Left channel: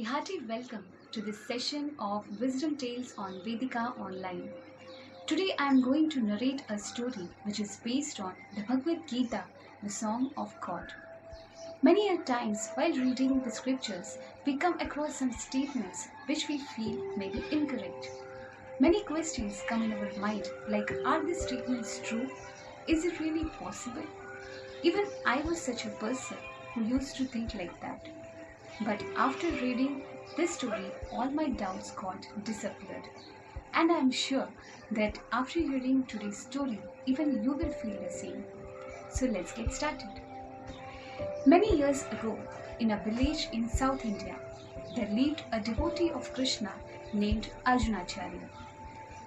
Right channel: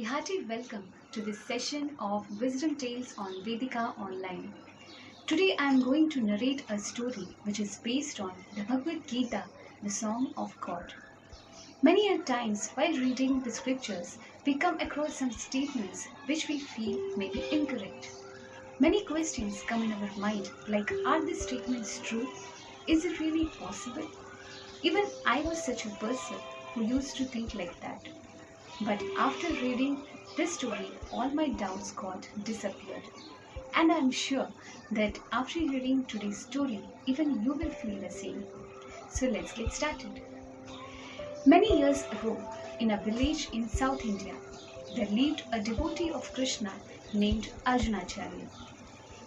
A hearty welcome to this session of Wisdom Tales on Vedica Online. Today I am going to narrate a story which is based on the Bhagavad Gita, the Song of God. Many a times while reading the scriptures, we come across some statements which we feel may be incorrect. Many questions come in our mind like, are these statements true? Is it really possible? Even I was such a person who used to think like that. But after reading this story, all my doubts got disappeared. And I am sure that after hearing today's story, even you will feel the same. So let's get started. Many years ago, in a village in South India, there lived a devotee of Krishna named Arjunacharya.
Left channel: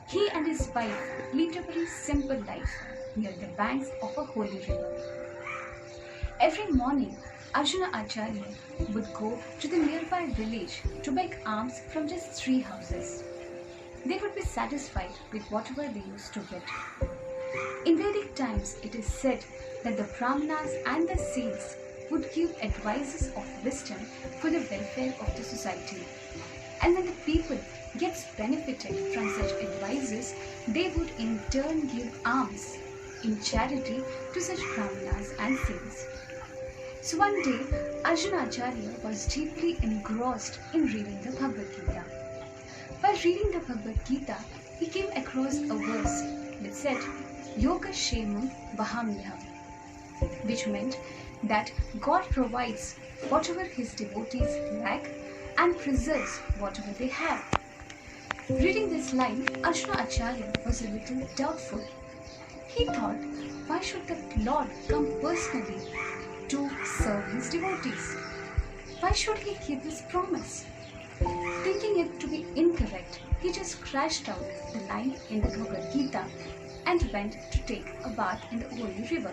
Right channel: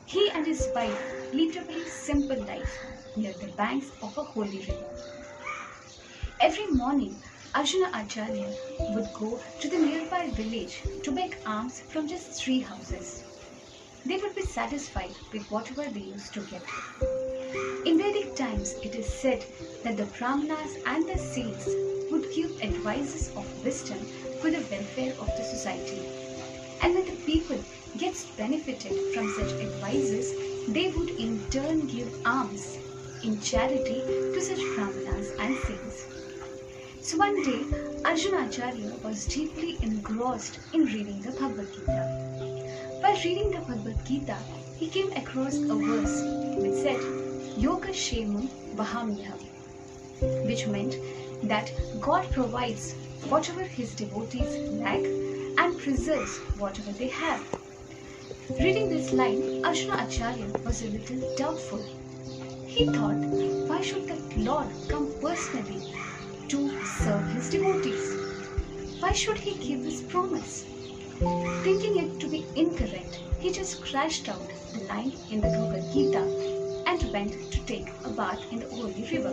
He and his wife lived a very simple life near the banks of a holy river. Every morning, Arjuna Acharya would go to the nearby village to beg alms from just 3 houses. They would be satisfied with whatever they used to get. In Vedic times, it is said that the Brahmanas and the saints would give advices of wisdom for the welfare of the society. And when the people gets benefited from such advices, they would in turn give alms in charity to such Brahmanas and saints. So one day, Arjuna Acharya was deeply engrossed in reading the Bhagavad Gita. While reading the Bhagavad Gita, he came across a verse which said, Yoga Shemam Vahamyaham, which meant that God provides whatever his devotees lack and preserves whatever they have. Reading this line, Arjuna Acharya was a little doubtful. He thought, why should the Lord come personally to serve his devotees? Why should he give this promise? Thinking it to be incorrect, he just scratched out the line in the Bhagavad Gita and went to take a bath in the holy river.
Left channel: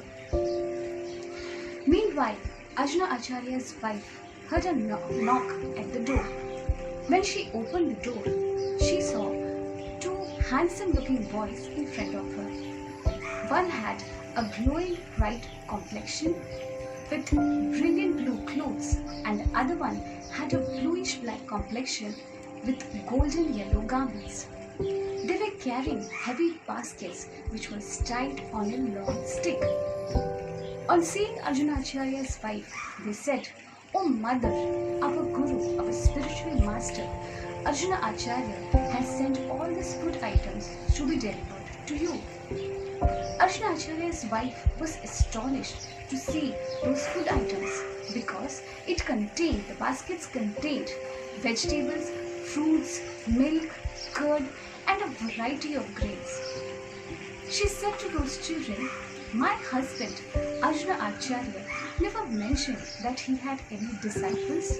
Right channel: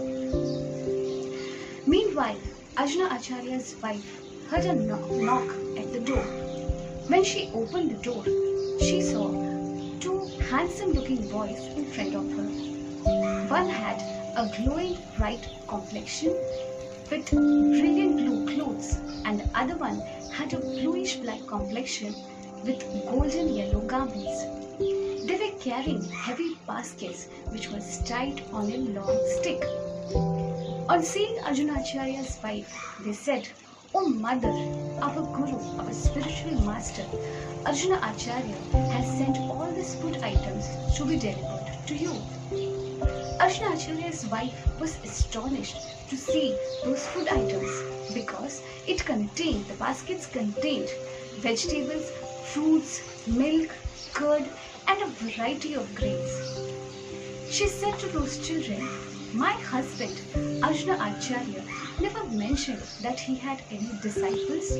Meanwhile, Arjuna Acharya's wife heard a knock at the door. When she opened the door, she saw 2 handsome-looking boys in front of her. One had a glowing bright complexion with brilliant blue clothes, and the other one had a bluish black complexion with golden yellow garments. They were carrying heavy baskets which were tied on a long stick. On seeing Arjuna Acharya's wife, they said, "O mother, our guru, our spiritual master, Arjuna Acharya has sent all these food items to be delivered to you." Arjuna Acharya's wife was astonished to see those food items because the baskets contained vegetables, fruits, milk, curd, and a variety of grains. She said to those children, "My husband, Arjuna Acharya, never mentioned that he had any disciples."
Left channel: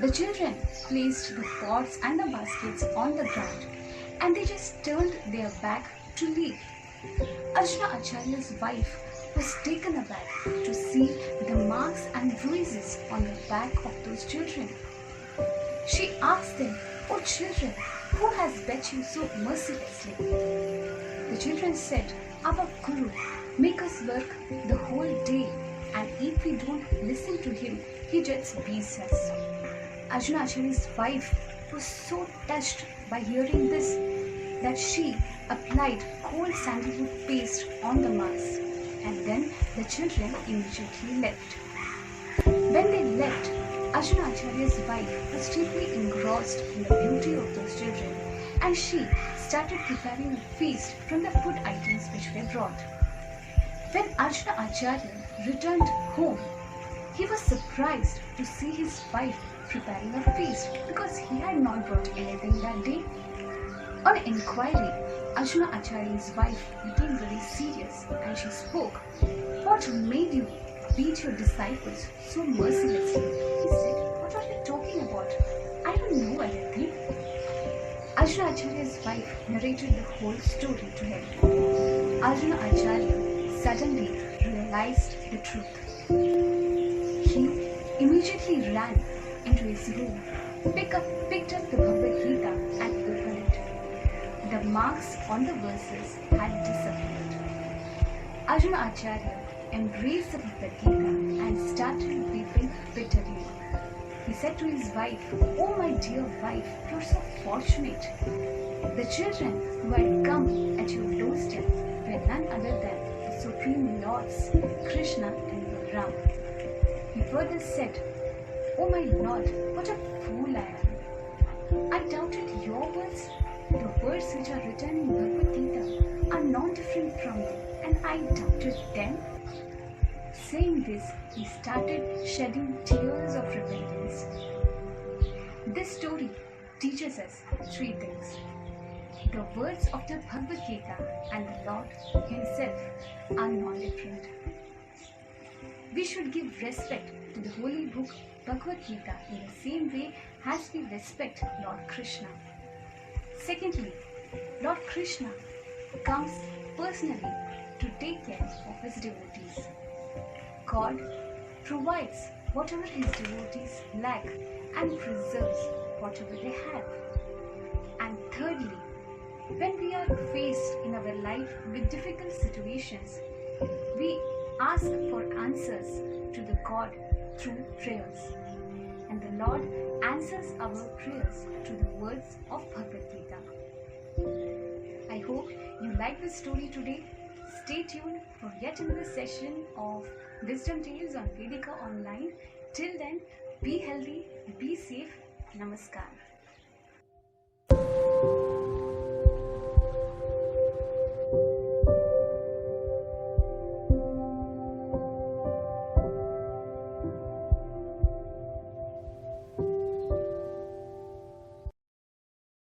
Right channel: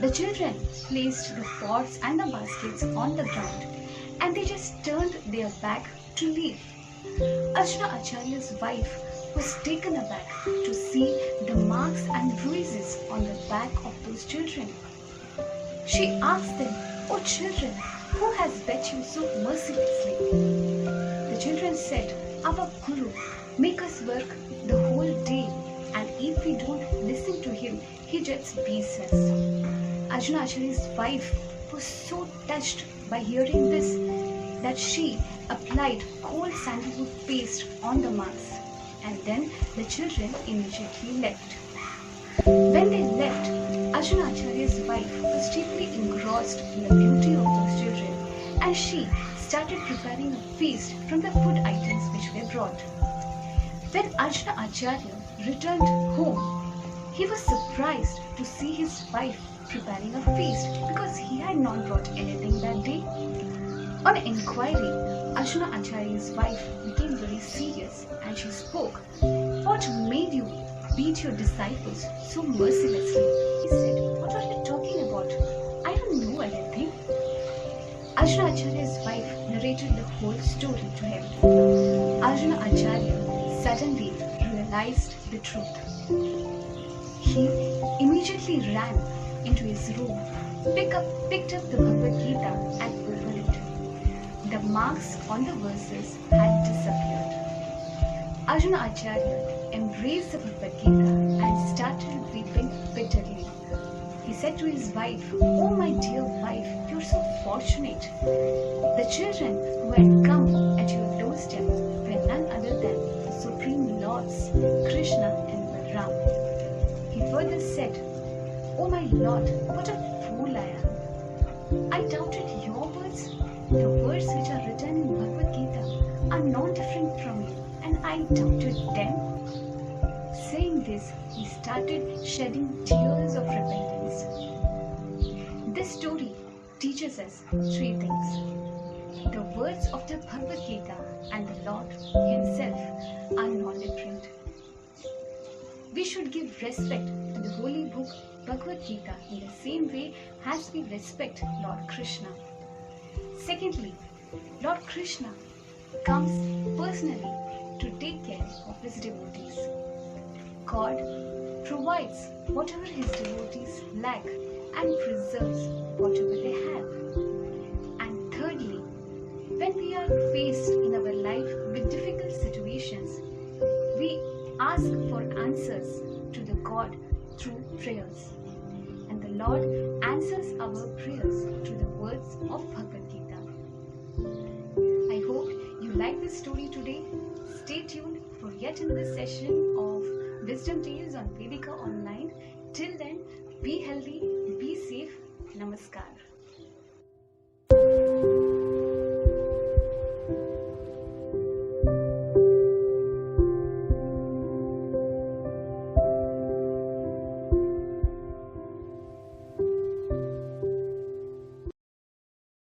The children placed the pots and the baskets on the ground and they just turned their back to leave. Arjuna Acharya's wife was taken aback to see the marks and bruises on the back of those children. She asked them, "O children, who has beat you so mercilessly?" The children said, "Our Guru make us work the whole day, and if we don't listen to him, he just beats us." Arjuna Acharya's wife was so touched by hearing this that she applied cold sandalwood paste on the marks, and then the children immediately left. When they left, Arjuna Acharya's wife was deeply engrossed in the beauty of those children, and she started preparing a feast from the food items which were brought. When Arjuna Acharya returned home, he was surprised to see his wife preparing a feast because he had not brought anything that day. On inquiry, Arjuna Acharya's wife became very serious and she spoke, "What made you beat your disciples so mercilessly?" He said, "What are you talking about? I don't know anything." Arjuna Acharya's wife narrated the whole story to him. Arjuna Acharya suddenly realized the truth. He immediately ran into his room, picked up the Bhagavad Gita and opened it. The marks on the verses had disappeared. Arjuna Acharya embraced the Bhagavad Gita and started weeping bitterly. He said to his wife, "Oh, my dear wife, you're so fortunate. The children who had come at your doorstep were none other than the Supreme Lords, Krishna and Balram." He further said, "Oh, my Lord, what a fool I am. I doubted your words. The words which are written in Bhagavad Gita are non-different from you, and I doubted them." Saying this, he started shedding tears of repentance. This story teaches us three things. The words of the Bhagavad Gita and the Lord Himself are non-different. We should give respect to the holy book Bhagavad Gita in the same way as we respect Lord Krishna. Secondly, Lord Krishna comes personally to take care of his devotees. God provides whatever his devotees lack and preserves whatever they have. And thirdly, when we are faced in our life with difficult situations, we ask for answers to the God through prayers. And the Lord answers our prayers through the words of Bhagavad Gita. I hope you like this story today. Stay tuned for yet another session of Wisdom Tales on Vedica Online. Till then, be healthy, be safe. Namaskar.